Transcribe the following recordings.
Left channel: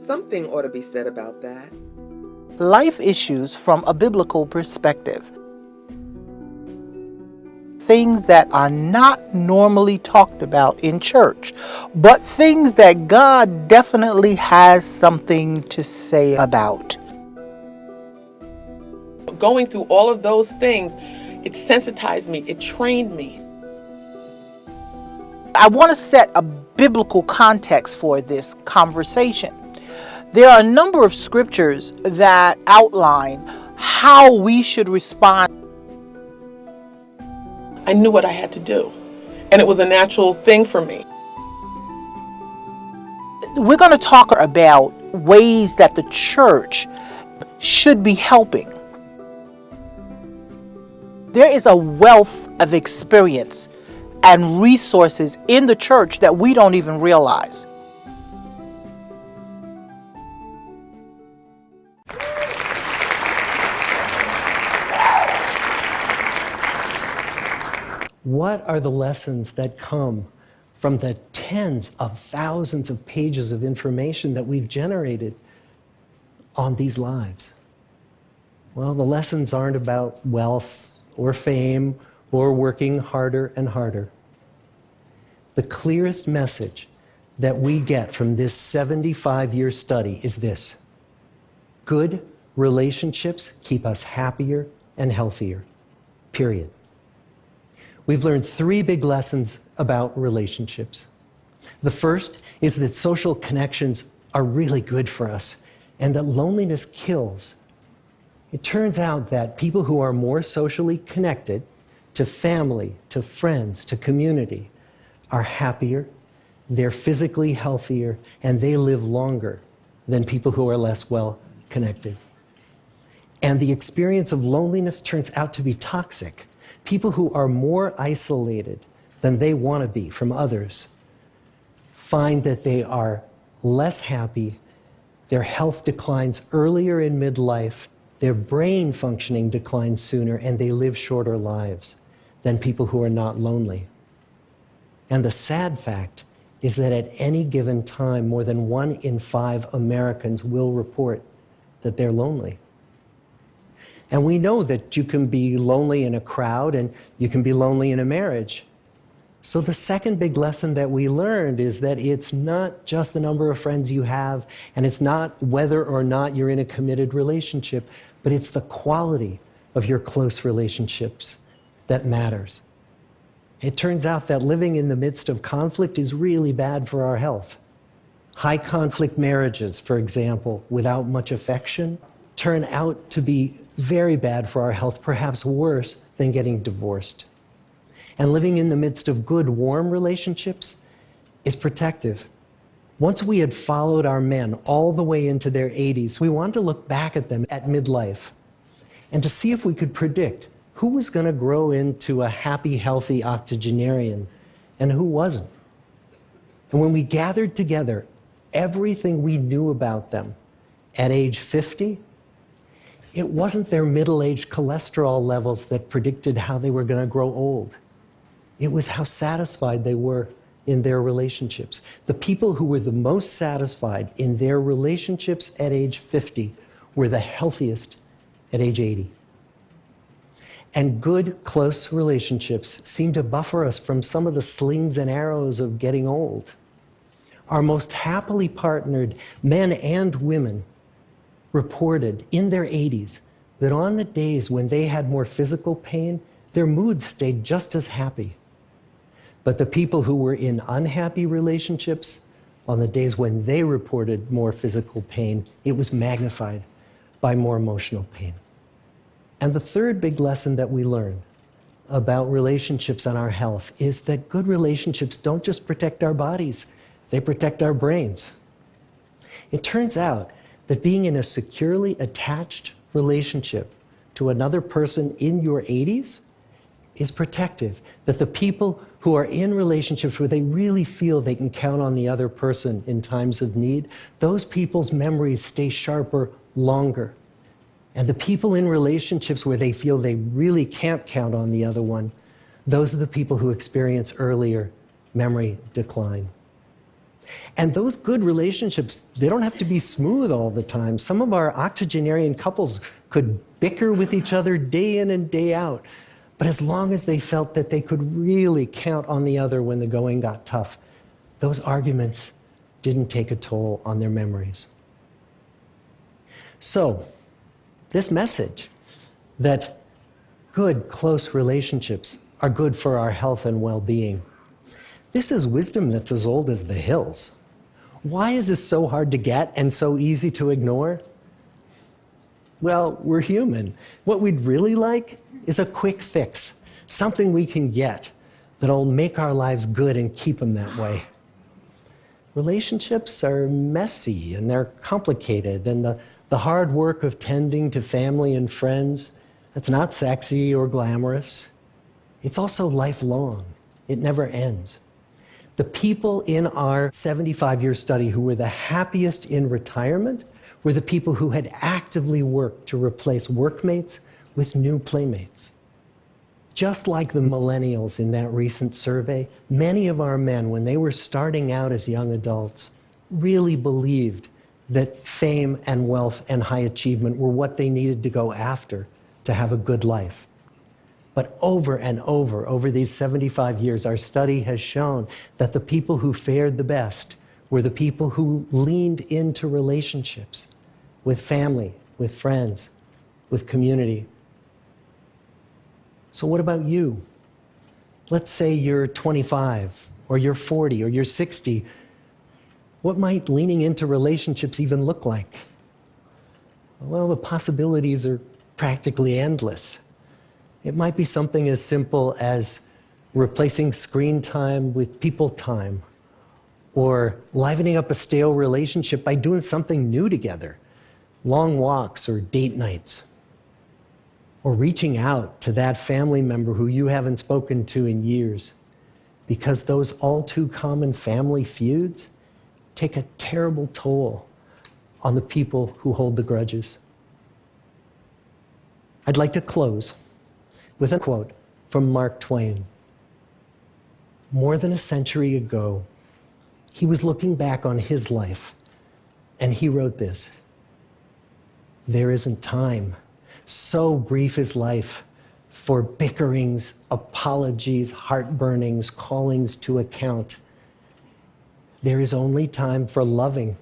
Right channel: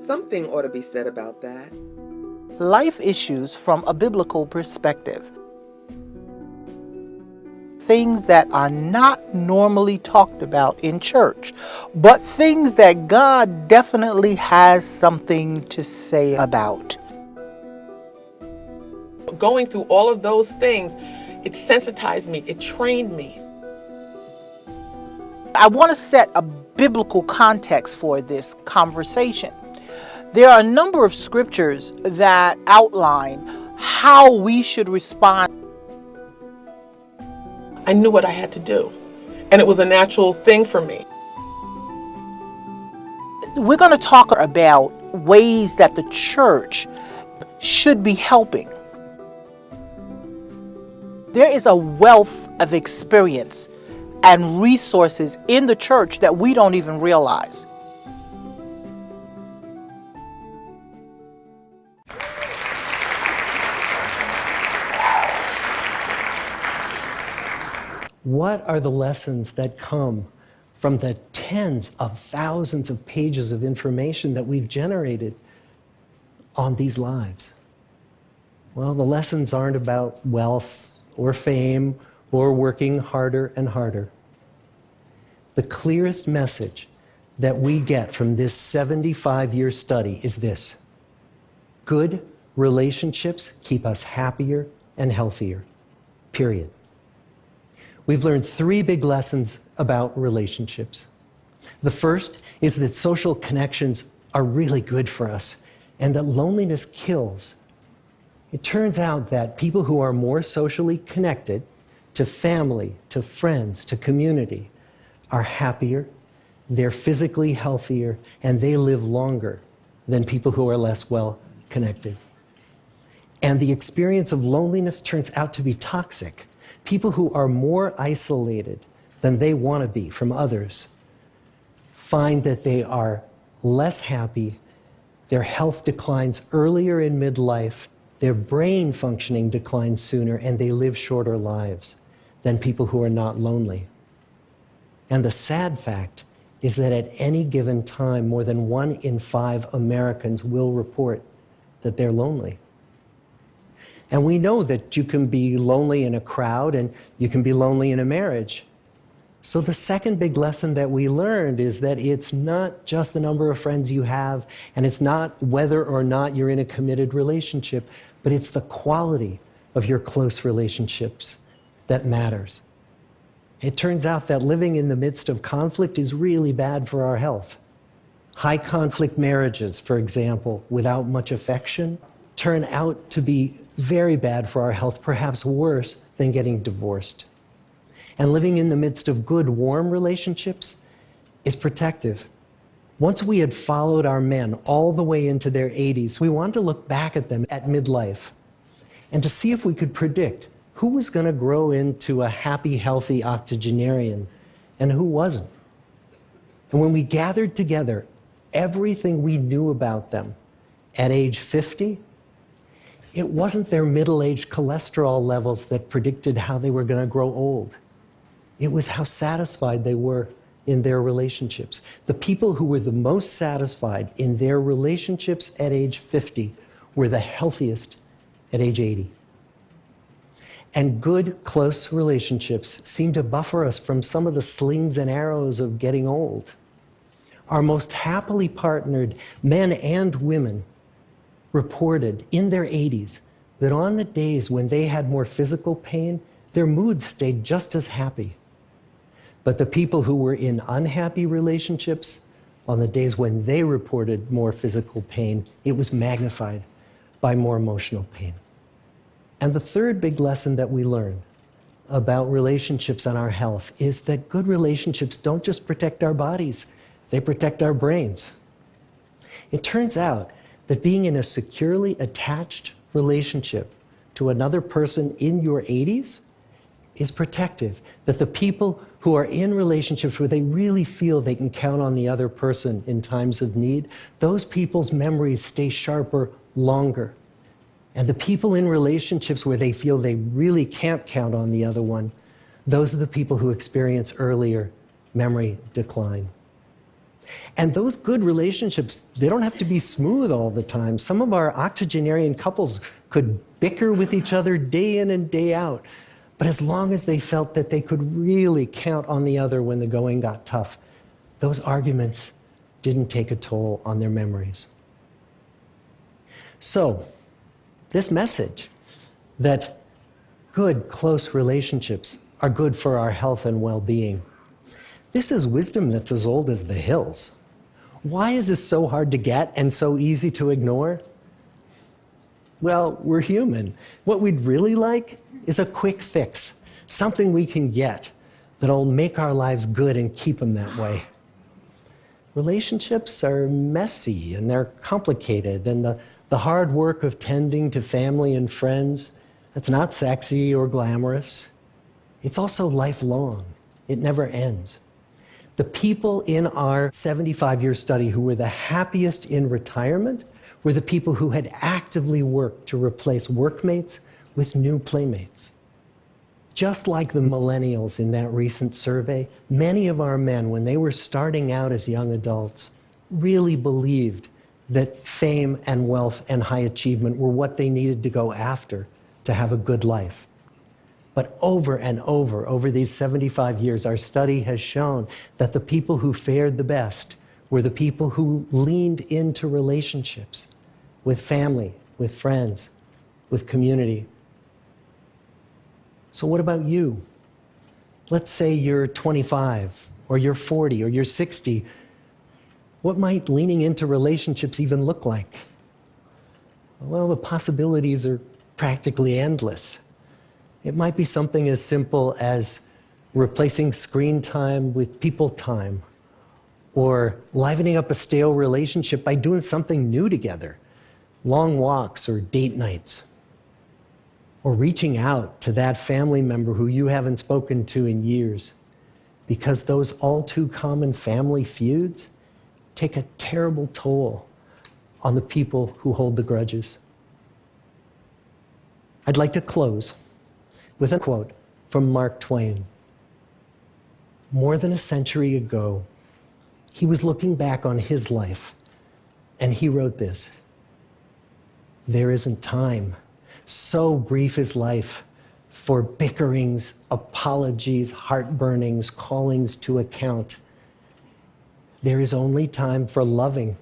Something ought to be said about that. Life issues from a biblical perspective. Things that are not normally talked about in church, but things that God definitely has something to say about. Going through all of those things, it sensitized me, it trained me. I want to set a biblical context for this conversation. There are a number of scriptures that outline how we should respond. I knew what I had to do, and it was a natural thing for me. We're going to talk about ways that the church should be helping. There is a wealth of experience and resources in the church that we don't even realize. What are the lessons that come from the tens of thousands of pages of information that we've generated on these lives? Well, the lessons aren't about wealth or fame or working harder and harder. The clearest message that we get from this 75-year study is this: good relationships keep us happier and healthier, period. We've learned three big lessons about relationships. The first is that social connections are really good for us and that loneliness kills. It turns out that people who are more socially connected to family, to friends, to community are happier, they're physically healthier, and they live longer than people who are less well connected. And the experience of loneliness turns out to be toxic. People who are more isolated than they want to be from others find that they are less happy, their health declines earlier in midlife, their brain functioning declines sooner, and they live shorter lives than people who are not lonely. And the sad fact is that at any given time, more than 1 in 5 Americans will report that they're lonely. And we know that you can be lonely in a crowd and you can be lonely in a marriage. So the second big lesson that we learned is that it's not just the number of friends you have, and it's not whether or not you're in a committed relationship, but it's the quality of your close relationships that matters. It turns out that living in the midst of conflict is really bad for our health. High conflict marriages, for example, without much affection, turn out to be very bad for our health, perhaps worse than getting divorced. And living in the midst of good, warm relationships is protective. Once we had followed our men all the way into their 80s, we wanted to look back at them at midlife and to see if we could predict who was going to grow into a happy, healthy octogenarian and who wasn't. And when we gathered together everything we knew about them at age 50, it wasn't their middle-aged cholesterol levels that predicted how they were going to grow old. It was how satisfied they were in their relationships. The people who were the most satisfied in their relationships at age 50 were the healthiest at age 80. And good, close relationships seem to buffer us from some of the slings and arrows of getting old. Our most happily partnered men and women reported in their 80s that on the days when they had more physical pain, their moods stayed just as happy. But the people who were in unhappy relationships, on the days when they reported more physical pain, it was magnified by more emotional pain. And the third big lesson that we learn about relationships and our health is that good relationships don't just protect our bodies, they protect our brains. It turns out that being in a securely attached relationship to another person in your 80s is protective. That the people who are in relationships where they really feel they can count on the other person in times of need, those people's memories stay sharper longer. And the people in relationships where they feel they really can't count on the other one, those are the people who experience earlier memory decline. And those good relationships, they don't have to be smooth all the time. Some of our octogenarian couples could bicker with each other day in and day out. But as long as they felt that they could really count on the other when the going got tough, those arguments didn't take a toll on their memories. So, this message that good, close relationships are good for our health and well-being, this is wisdom that's as old as the hills. Why is this so hard to get and so easy to ignore? Well, we're human. What we'd really like is a quick fix, something we can get that'll make our lives good and keep them that way. Relationships are messy and they're complicated, and the hard work of tending to family and friends, that's not sexy or glamorous. It's also lifelong. It never ends. The people in our 75-year study who were the happiest in retirement were the people who had actively worked to replace workmates with new playmates. Just like the millennials in that recent survey, many of our men, when they were starting out as young adults, really believed that fame and wealth and high achievement were what they needed to go after to have a good life. But over and over these 75 years, our study has shown that the people who fared the best were the people who leaned into relationships with family, with friends, with community. So what about you? Let's say you're 25, or you're 40, or you're 60. What might leaning into relationships even look like? Well, the possibilities are practically endless. It might be something as simple as replacing screen time with people time, or livening up a stale relationship by doing something new together, long walks or date nights, or reaching out to that family member who you haven't spoken to in years, because those all too common family feuds take a terrible toll on the people who hold the grudges. I'd like to close with a quote from Mark Twain. More than a century ago, he was looking back on his life, and he wrote this: "There isn't time. So brief is life for bickerings, apologies, heartburnings, callings to account. There is only time for loving,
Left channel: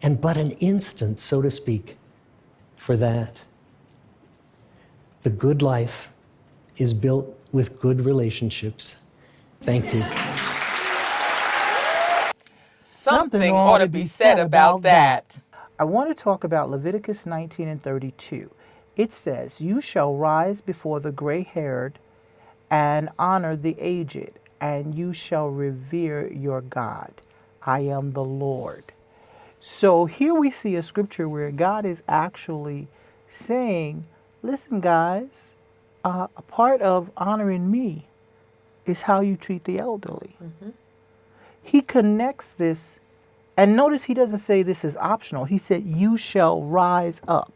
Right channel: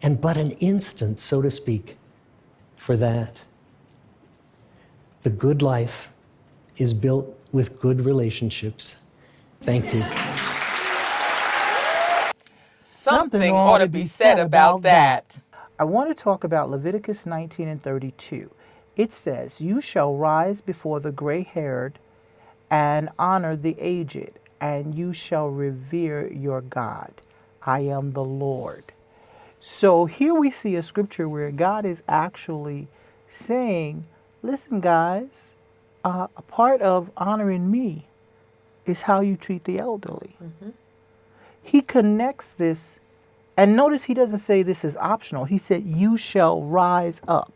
and but an instant, so to speak, for that. The good life is built with good relationships." Thank you. Something ought to be said about that. I want to talk about Leviticus 19 and 32. It says, "You shall rise before the gray-haired and honor the aged, and you shall revere your God. I am the Lord." So here we see a scripture where God is actually saying, listen, guys, a part of honoring me is how you treat the elderly. Mm-hmm. He connects this, and notice he doesn't say this is optional. He said, "You shall rise up."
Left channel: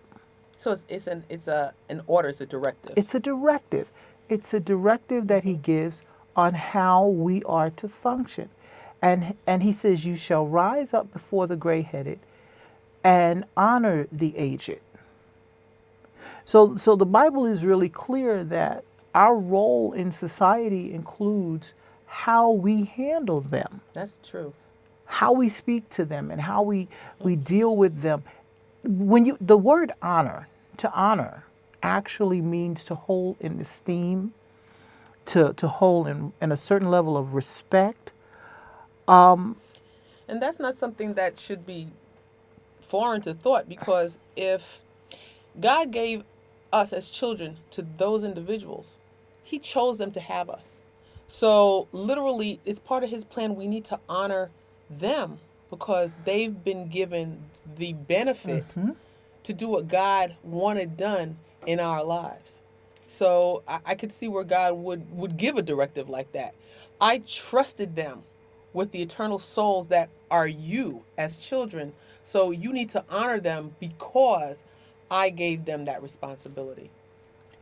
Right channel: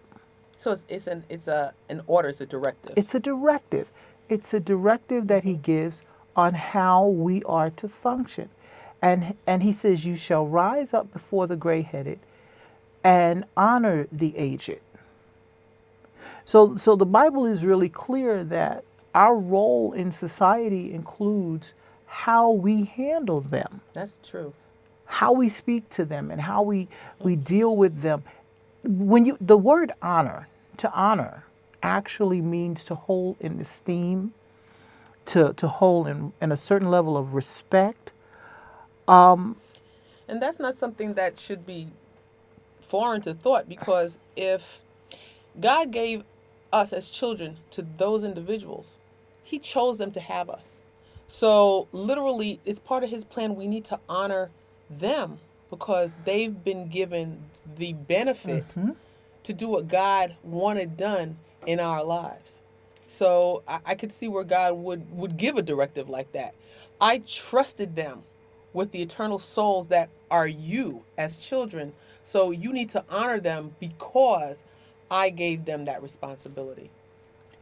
So it's an order, it's a directive. It's a directive. It's a directive that he gives on how we are to function. And he says, "You shall rise up before the gray-headed and honor the aged." So the Bible is really clear that our role in society includes how we handle them, That's the truth. how we speak to them, and how we deal with them. When the word honor, to honor, actually means to hold in esteem, to hold in a certain level of respect. And that's not something that should be foreign to thought, because if God gave us as children to those individuals, he chose them to have us. So literally, it's part of his plan. We need to honor them because they've been given the benefit to do what God wanted done in our lives. So I could see where God would give a directive like that. I trusted them with the eternal souls that are you as children. So you need to honor them because I gave them that responsibility.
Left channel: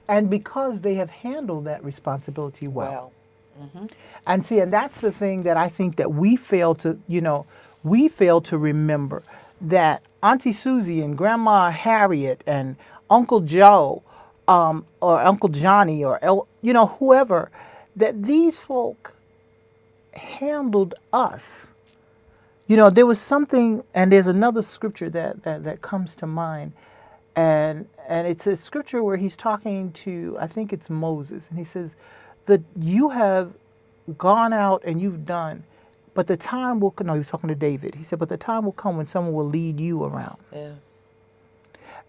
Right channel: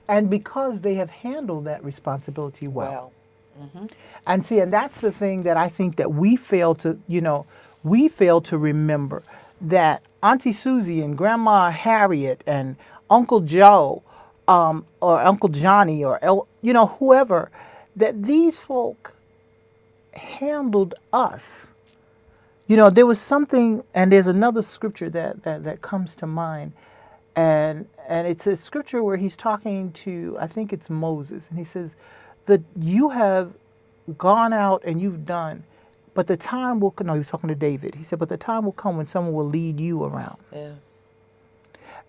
And because they have handled that responsibility well. And see, and that's the thing that I think that we fail to, we fail to remember that Auntie Susie and Grandma Harriet and Uncle Joe, or Uncle Johnny or whoever, that these folk handled us. There was something, and there's another scripture that comes to mind, and it's a scripture where he's talking to, I think it's Moses, and he says that you have gone out and you've done, but the time will come. No, he was talking to David. He said, but the time will come when someone will lead you around. Yeah.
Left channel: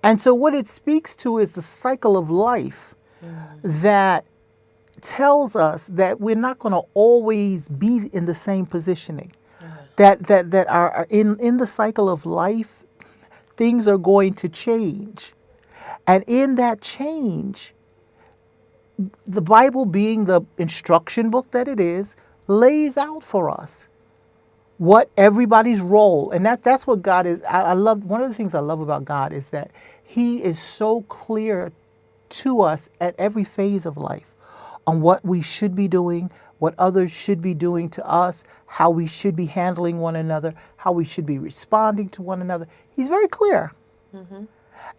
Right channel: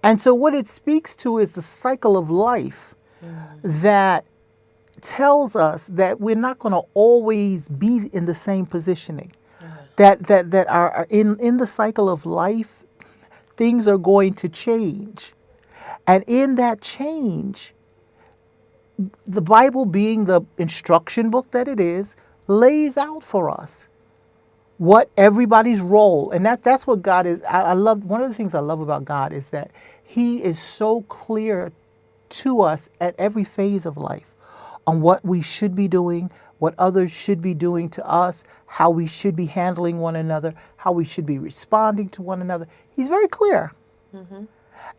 And so what it speaks to is the cycle of life that tells us that we're not going to always be in the same positioning. That are in the cycle of life, things are going to change. And in that change, the Bible, being the instruction book that it is, lays out for us what everybody's role. And that's what God is. I love, one of the things I love about God is that He is so clear to us at every phase of life on what we should be doing, what others should be doing to us, how we should be handling one another, how we should be responding to one another. He's very clear.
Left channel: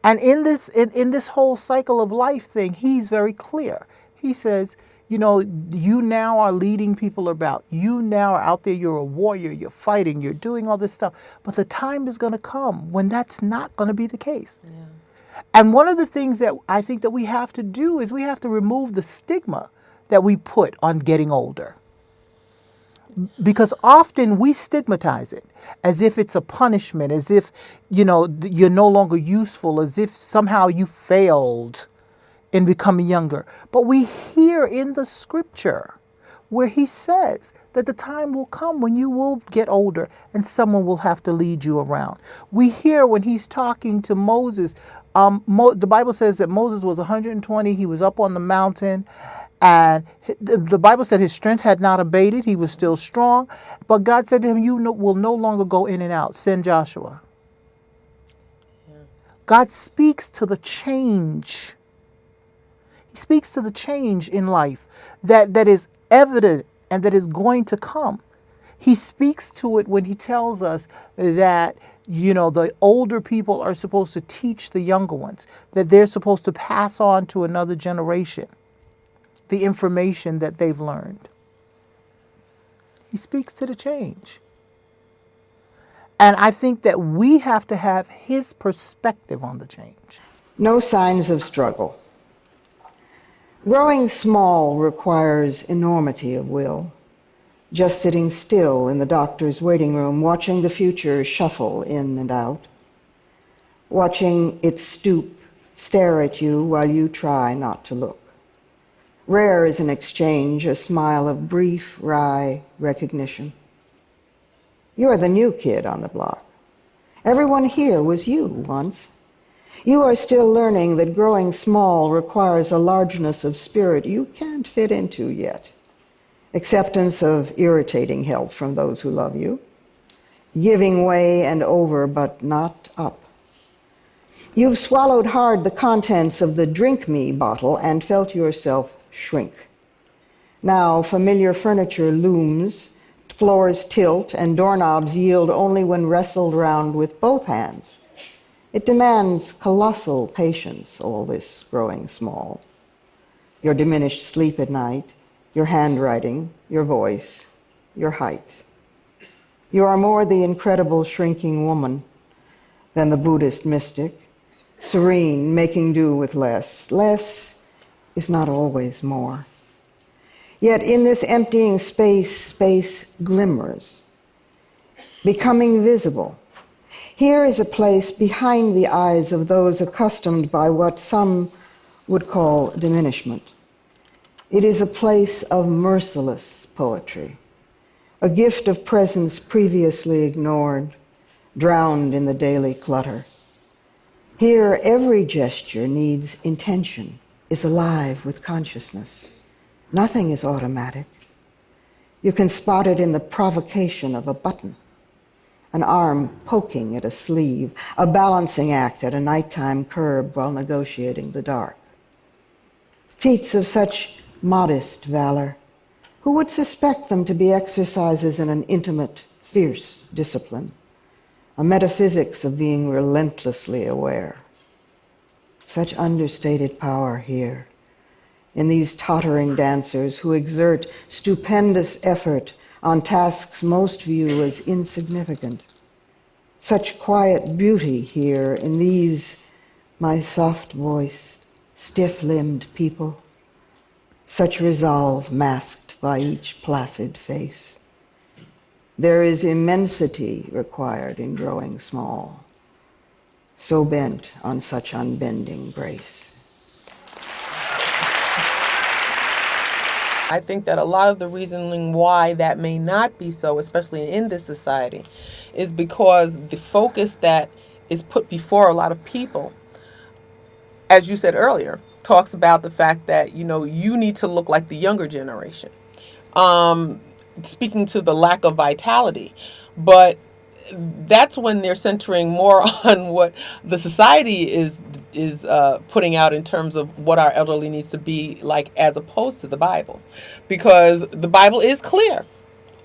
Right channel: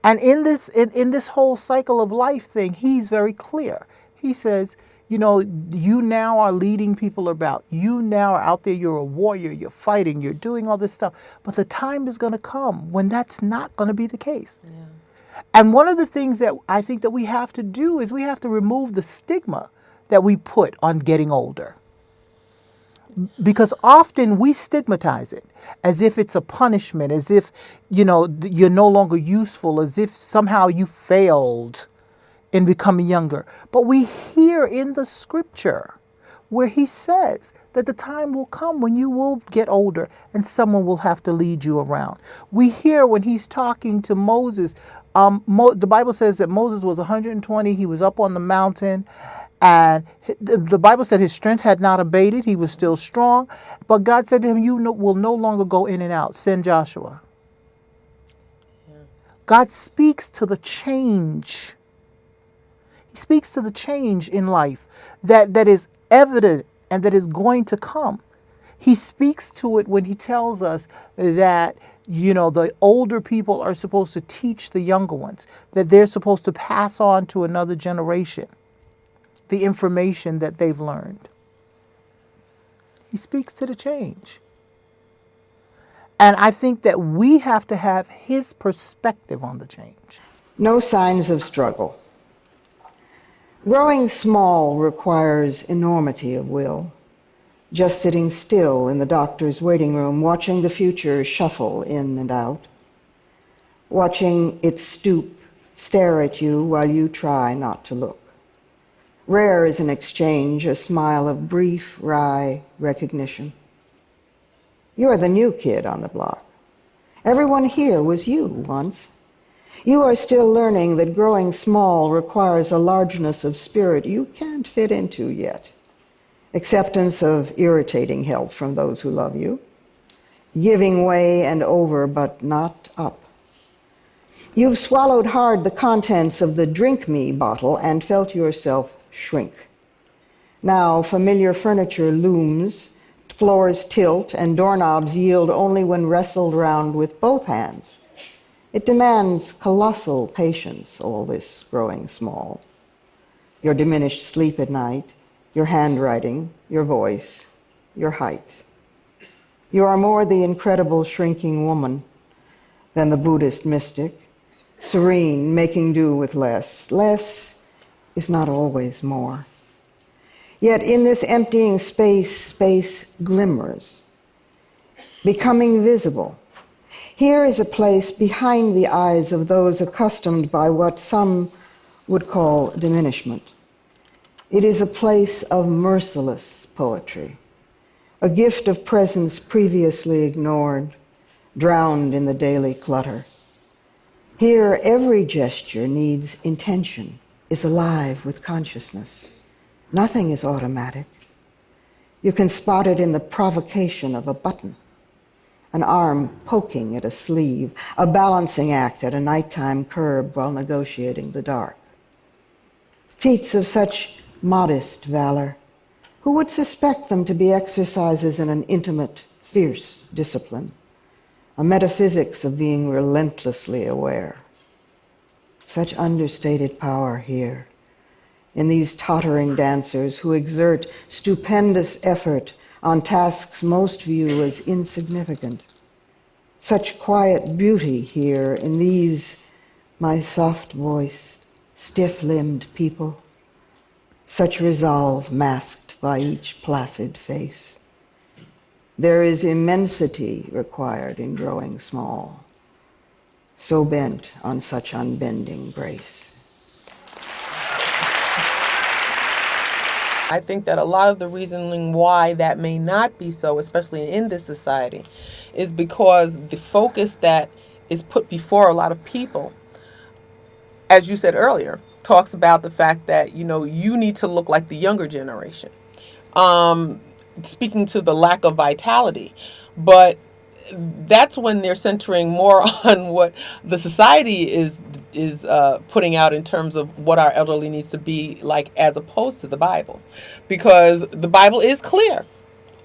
And in this whole cycle of life thing, He's very clear. He says, you now are leading people about. You now are out there, you're a warrior, you're fighting, you're doing all this stuff. But the time is going to come when that's not going to be the case. Yeah. And one of the things that I think that we have to do is we have to remove the stigma that we put on getting older. Because often we stigmatize it as if it's a punishment, as if, you're no longer useful, as if somehow you failed in becoming younger. But we hear in the scripture where He says that the time will come when you will get older and someone will have to lead you around. We hear when He's talking to Moses, the Bible says that Moses was 120, he was up on the mountain, and the Bible said his strength had not abated, he was still strong, but God said to him, you will no longer go in and out, send Joshua. Yeah. God speaks to the change. He speaks to the change in life that is evident and that is going to come. He speaks to it when He tells us that, the older people are supposed to teach the younger ones, that they're supposed to pass on to another generation the information that they've learned. He speaks to the change. And I think that we have to have His perspective on the change. No signs of struggle. Growing small requires enormity of will. Just sitting still in the doctor's waiting room, watching the future shuffle in and out, watching it stoop, stare at you while you try not to look. Rare is an exchange, a smile of brief, wry recognition. You're the new kid on the block. Everyone here was you once. You are still learning that growing small requires a largeness of spirit you can't fit into yet. Acceptance of irritating help from those who love you. Giving way and over, but not up. You've swallowed hard the contents of the drink me bottle and felt yourself shrink. Now familiar furniture looms, floors tilt, and doorknobs yield only when wrestled round with both hands. It demands colossal patience, all this growing small. Your diminished sleep at night, your handwriting, your voice, your height. You are more the incredible shrinking woman than the Buddhist mystic, serene, making do with less. Less is not always more. Yet in this emptying space, space glimmers, becoming visible. Here is a place behind the eyes of those accustomed by what some would call diminishment. It is a place of merciless poetry, a gift of presence previously ignored, drowned in the daily clutter. Here, every gesture needs intention, is alive with consciousness. Nothing is automatic. You can spot it in the provocation of a button, an arm poking at a sleeve, a balancing act at a nighttime curb while negotiating the dark. Feats of such modest valor, Who would suspect them to be exercises in an intimate, fierce discipline, a metaphysics of being relentlessly aware? Such understated power here, in these tottering dancers who exert stupendous effort on tasks most view as insignificant. Such quiet beauty here in these, my soft-voiced, stiff-limbed people. Such resolve masked by each placid face. There is immensity required in growing small, so bent on such unbending grace. I think that a lot of the reasoning why that may not be so, especially in this society, is because the focus that is put before a lot of people, as you said earlier, talks about the fact that, you need to look like the younger generation. Speaking to the lack of vitality. But that's when they're centering more on what the society is putting out in terms of what our elderly needs to be like, as opposed to the Bible, because the Bible is clear,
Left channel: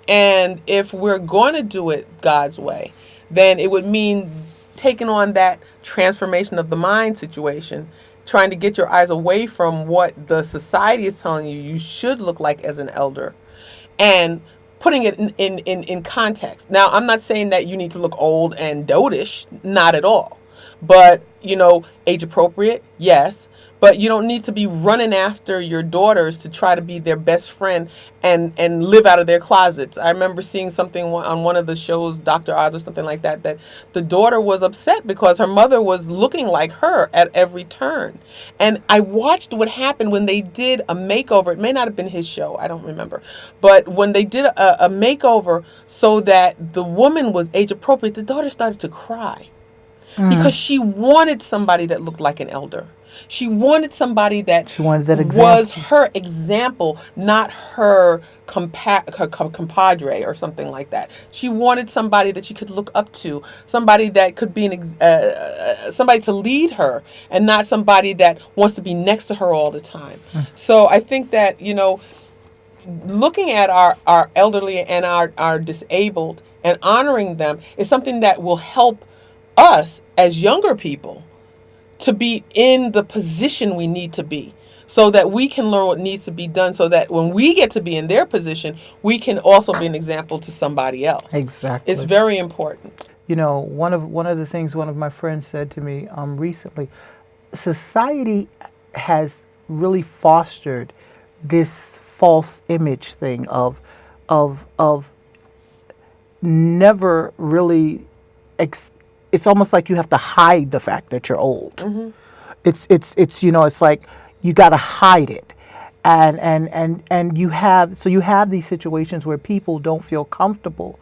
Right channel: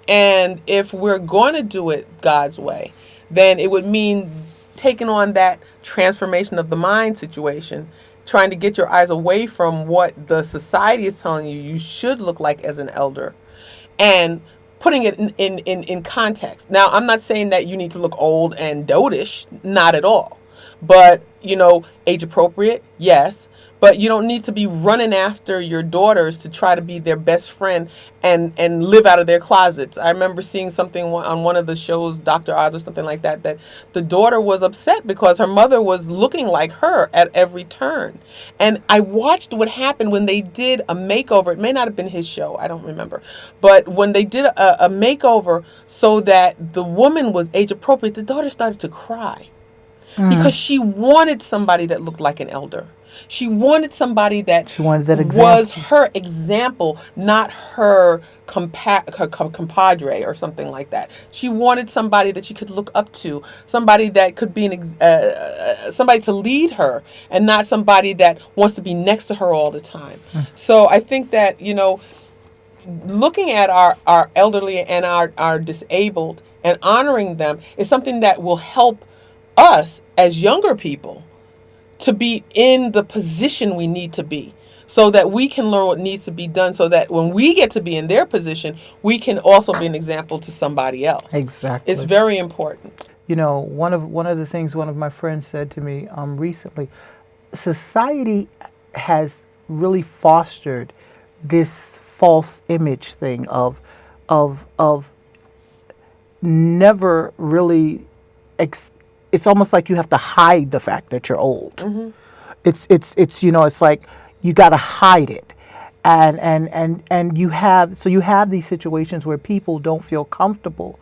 and if we're going to do it God's way, then it would mean taking on that transformation of the mind situation, trying to get your eyes away from what the society is telling you should look like as an elder, and putting it in context. Now, I'm not saying that you need to look old and dotish, not at all. But, age appropriate, yes. But you don't need to be running after your daughters to try to be their best friend and live out of their closets. I remember seeing something on one of the shows, Dr. Oz or something like that, that the daughter was upset because her mother was looking like her at every turn. And I watched what happened when they did a makeover. It may not have been his show, I don't remember. But when they did a makeover so that the woman was age appropriate, the daughter started to cry. Because she wanted somebody that looked like an elder. She wanted somebody that was her example, not her compadre or something like that. She wanted somebody that she could look up to, somebody that could be somebody to lead her, and not somebody that wants to be next to her all the time. So I think that, looking at our elderly and our disabled and honoring them is something that will help us as younger people to be in the position we need to be, so that we can learn what needs to be done, so that when we get to be in their position, we can also be an example to somebody else. Exactly. It's very important. One of the things one of my friends said to me recently, society has really fostered this false image thing of never really it's almost like you have to hide the fact that you're old. Mm-hmm. It's like you got to hide it, and you have these situations where people don't feel comfortable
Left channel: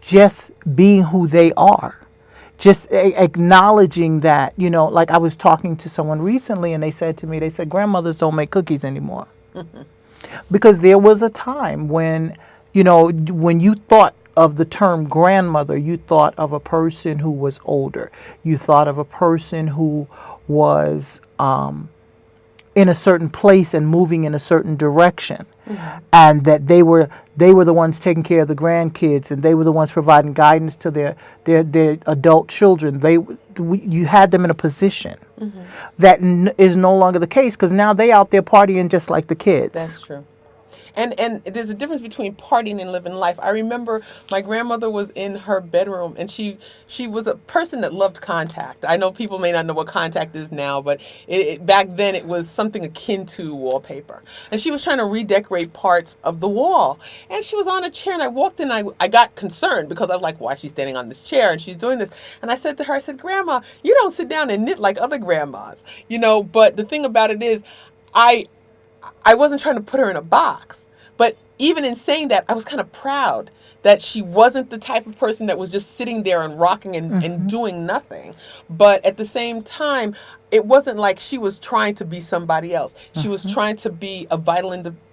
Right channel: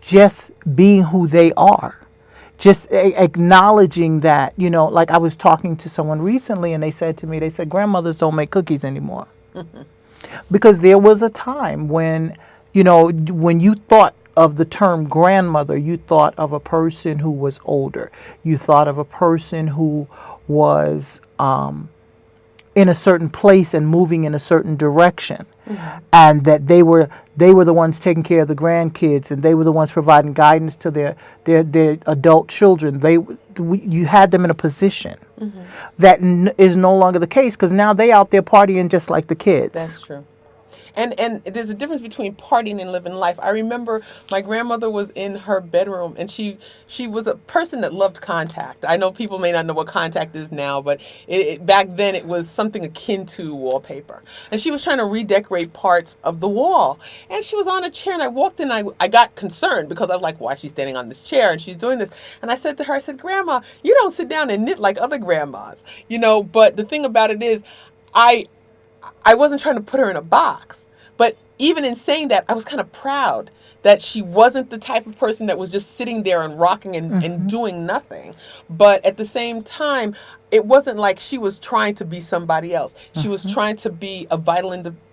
just being who they are, just acknowledging that, like I was talking to someone recently and they said grandmothers don't make cookies anymore. Mm-hmm. Because there was a time when you thought of the term grandmother, you thought of a person who was older. You thought of a person who was in a certain place and moving in a certain direction. Mm-hmm. And that they were the ones taking care of the grandkids, and they were the ones providing guidance to their adult children. You had them in a position. Mm-hmm. that is no longer the case, because now they out there partying just like the kids. That's true. And there's a difference between partying and living life. I remember my grandmother was in her bedroom, and she was a person that loved contact. I know people may not know what contact is now, but back then it was something akin to wallpaper. And she was trying to redecorate parts of the wall. And she was on a chair, and I walked in, I got concerned because I was like, why is she standing on this chair and she's doing this? And I said to her, Grandma, you don't sit down and knit like other grandmas. But the thing about it is, I wasn't trying to put her in a box, but even in saying that, I was kind of proud that she wasn't the type of person that was just sitting there and rocking and doing nothing. But at the same time, it wasn't like she was trying to be somebody else. She was trying to be a vital,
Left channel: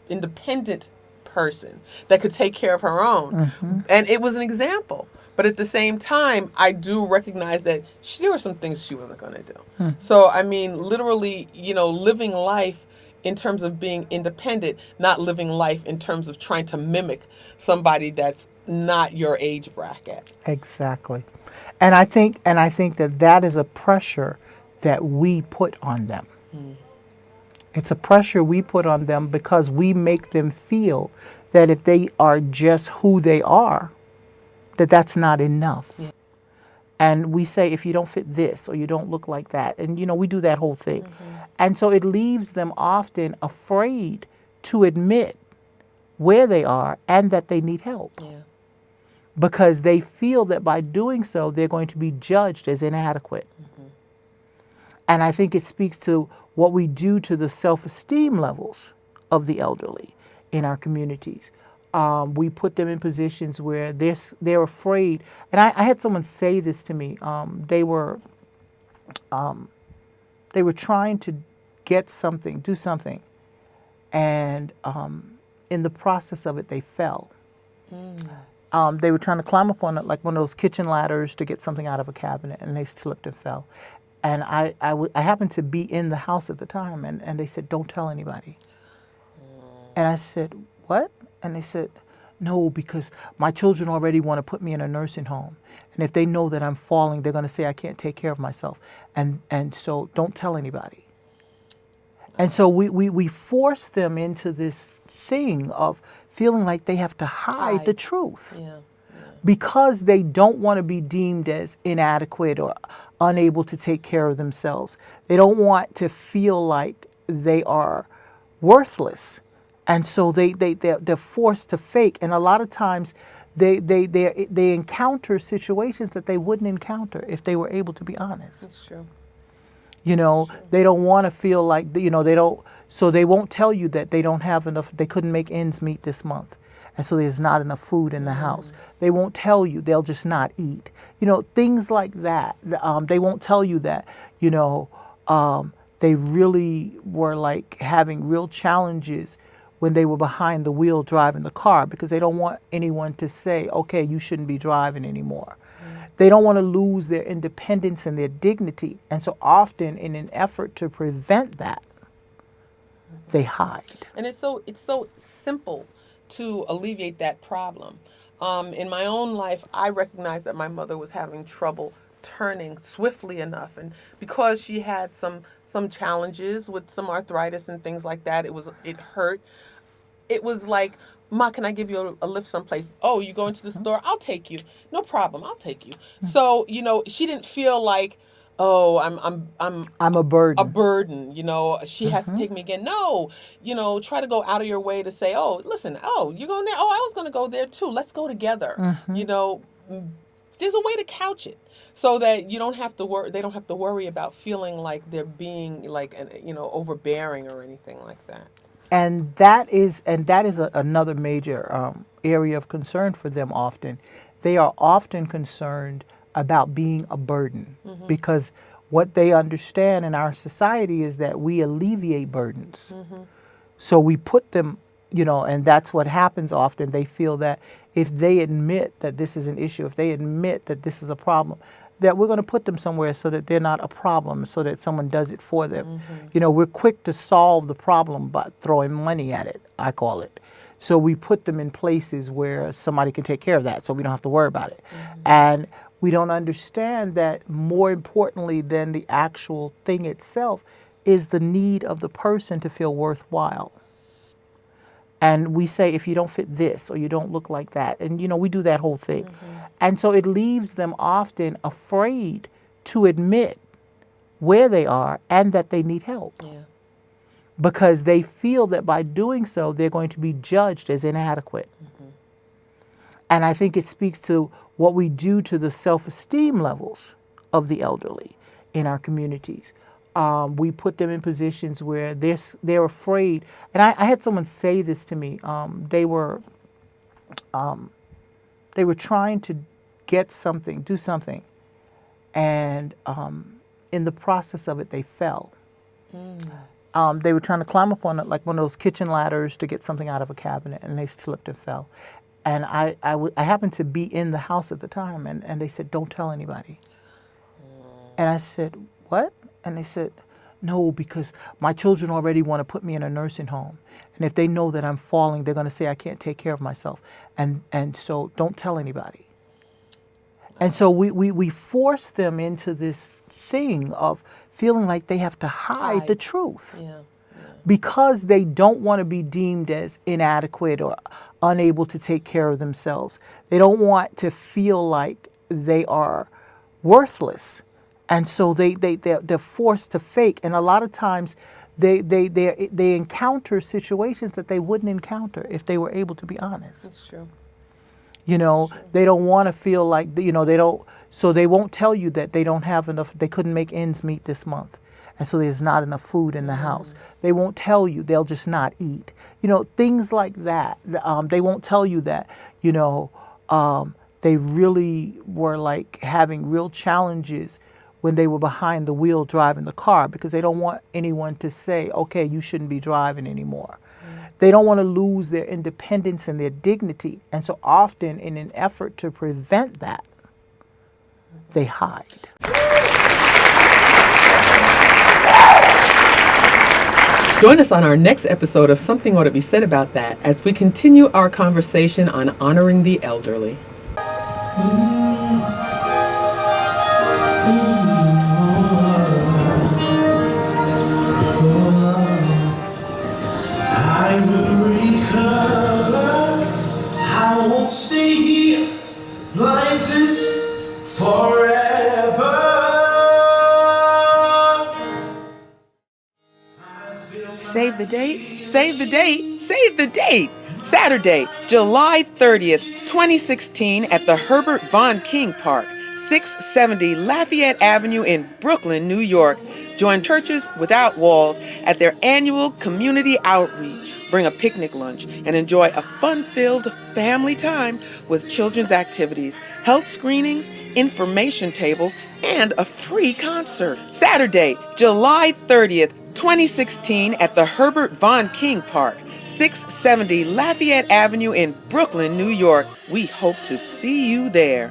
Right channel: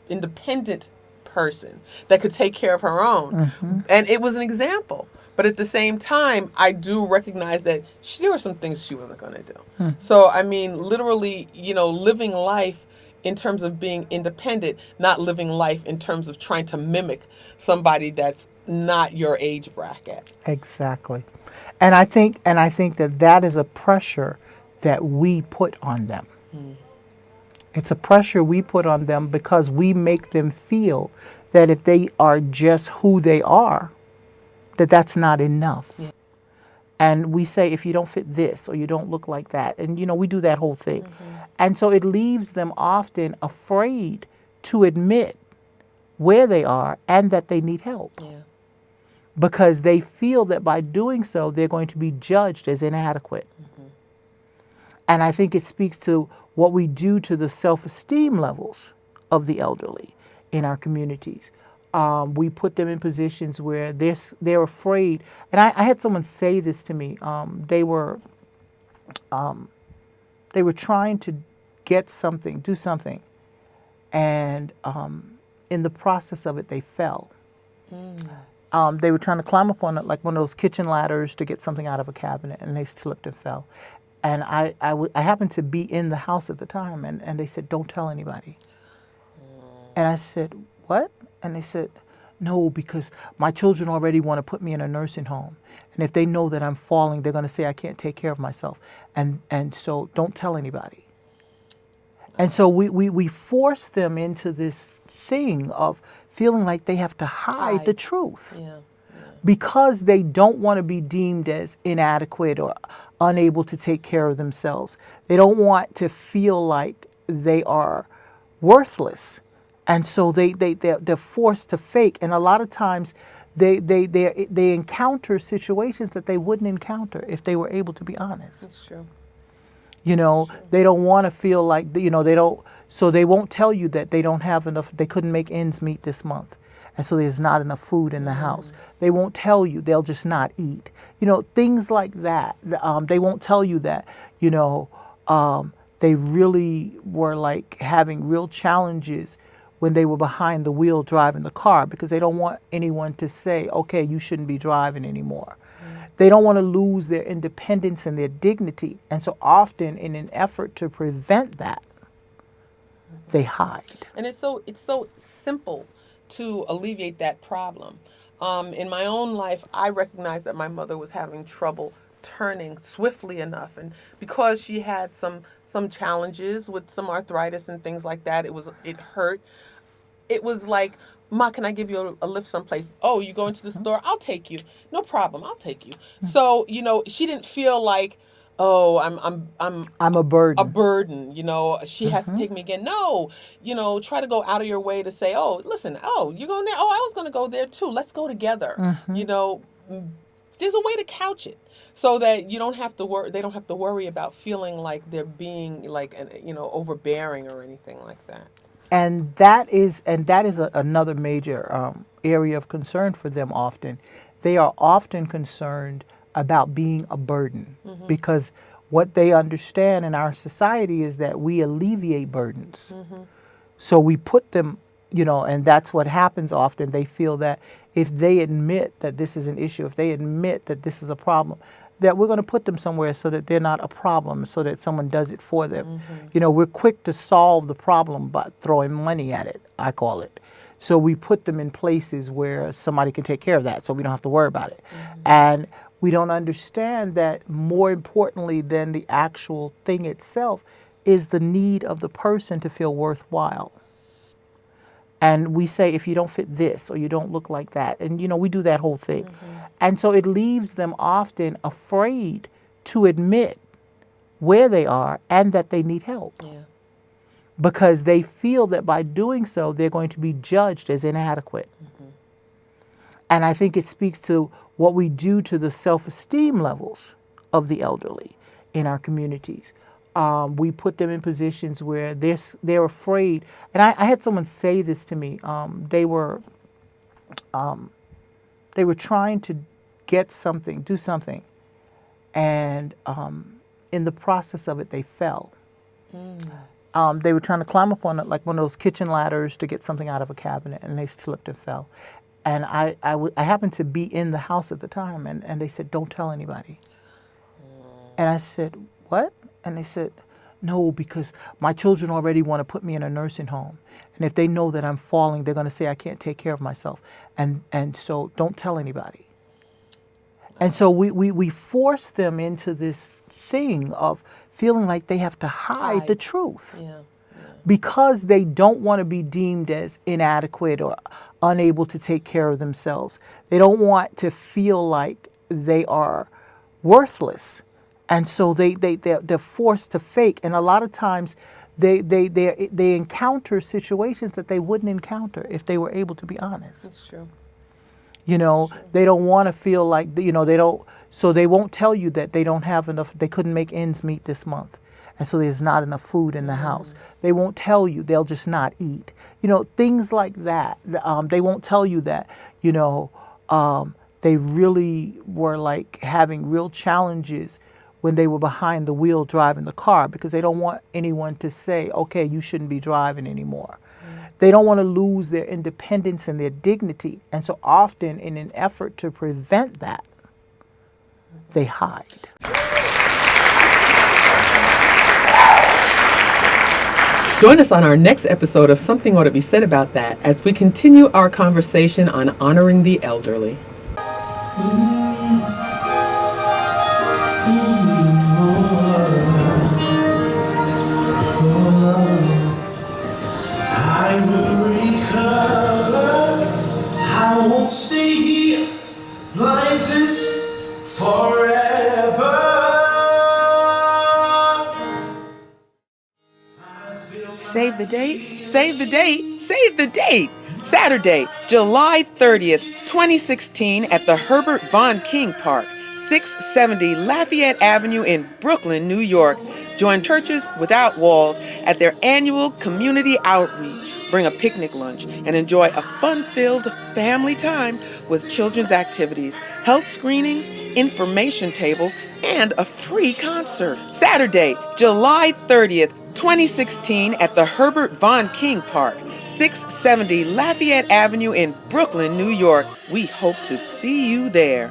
independent person that could take care of her own. And it was an example. But at the same time, I do recognize that there were some things she wasn't going to do. So, I mean, literally, living life in terms of being independent, not living life in terms of trying to mimic somebody that's not your age bracket. Exactly. And I think that that is a pressure that we put on them. It's a pressure we put on them because we make them feel that if they are just who they are, that that's not enough. Yeah. And we say, if you don't fit this or you don't look like that, and we do that whole thing. And so it leaves them often afraid to admit where they are and that they need help Yeah. because they feel that by doing so, they're going to be judged as inadequate. And I think it speaks to what we do to the self-esteem levels of the elderly in our communities. We put them in positions where they're afraid. And I had someone say this to me. They were trying to get something, do something, and in the process of it, they fell. They were trying to climb up on it, like one of those kitchen ladders to get something out of a cabinet, and they slipped and fell. And I happened to be in the house at the time, and they said, "Don't tell anybody." And I said, "What?" And they said, "No, because my children already want to put me in a nursing home. And if they know that I'm falling, they're going to say I can't take care of myself. And so don't tell anybody." And so we force them into this thing of feeling like they have to hide the truth Yeah. because they don't want to be deemed as inadequate or unable to take care of themselves. They don't want to feel like they are worthless. And so they're forced to fake. And a lot of times they encounter situations that they wouldn't encounter if they were able to be honest. That's true. They don't want to feel like, they don't, so they won't tell you that they don't have enough, they couldn't make ends meet this month. And so there's not enough food in the house. They won't tell you, they'll just not eat. Things like that. They won't tell you that, they really were like having real challenges when they were behind the wheel driving the car because they don't want anyone to say, okay, you shouldn't be driving anymore. They don't want to lose their independence and their dignity. And so often in an effort to prevent that, they hide. And it's so simple to alleviate that problem. In my own life, I recognized that my mother was having trouble turning swiftly enough, and because she had some challenges with some arthritis and things like that, it hurt. It was like, "Ma, can I give you a lift someplace?" "Oh, you going to the store? I'll take you." "No problem, I'll take you." So she didn't feel like, "Oh, I'm a burden. a burden." She has to take me again. No, try to go out of your way to say, "Oh, listen, oh, you're going there. Oh, I was going to go there too. Let's go together." There's a way to couch it so that you don't have to worry. They don't have to worry about feeling like they're being like overbearing or anything like that. And that is another major area of concern for them often. They are often concerned about being a burden because what they understand in our society is that we alleviate burdens. So we put them, and that's what happens often. They feel that if they admit that this is an issue, if they admit that this is a problem, that we're going to put them somewhere so that they're not a problem, so that someone does it for them. We're quick to solve the problem by throwing money at it, I call it. So we put them in places where somebody can take care of that so we don't have to worry about it. And we don't understand that more importantly than the actual thing itself is the need of the person to feel worthwhile. And we say, if you don't fit this or you don't look like that, and we do that whole thing. And so it leaves them often afraid to admit where they are and that they need help Yeah. because they feel that by doing so, they're going to be judged as inadequate. And I think it speaks to what we do to the self-esteem levels of the elderly in our communities. We put them in positions where they're afraid. And I had someone say this to me. They were trying to get something, do something, and in the process of it, they fell. They were trying to climb up on it, like one of those kitchen ladders to get something out of a cabinet, and they slipped and fell. And I happened to be in the house at the time, and they said, "Don't tell anybody." And I said, "What?" And they said, No, because my children already want to put me in a nursing home. And if they know that I'm falling, they're going to say I can't take care of myself. And so don't tell anybody. And so we force them into this thing of feeling like they have to hide the truth. Yeah. Because they don't want to be deemed as inadequate or unable to take care of themselves. They don't want to feel like they are worthless. And so they're forced to fake. And a lot of times they encounter situations that they wouldn't encounter if they were able to be honest. That's true. You know, they don't want to feel like, you know, they don't, so they won't tell you that they don't have enough, they couldn't make ends meet this month. And so there's not enough food in the house. They won't tell you, they'll just not eat. You know, things like that. They won't tell you that, you know, they really were like having real challenges when they were behind the wheel driving the car, because they don't want anyone to say, okay, you shouldn't be driving anymore. They don't want to lose their independence and their dignity. And so often, in an effort to prevent that, they hide. Join us on our next episode of Something Ought to Be Said About That as we continue our conversation on honoring the elderly. I will recover. I won't stay here like this forever. Save the date, save the date, save the date! Saturday, July 30th, 2016 at the Herbert Von King Park, 670 Lafayette Avenue in Brooklyn, New York. Join Churches Without Walls at their annual community outreach. Bring a picnic lunch and enjoy a fun-filled family time with children's activities, health screenings, information tables, and a free concert. Saturday, July 30th, 2016 at the Herbert Von King Park, 670 Lafayette Avenue in Brooklyn, New York. We hope to see you there.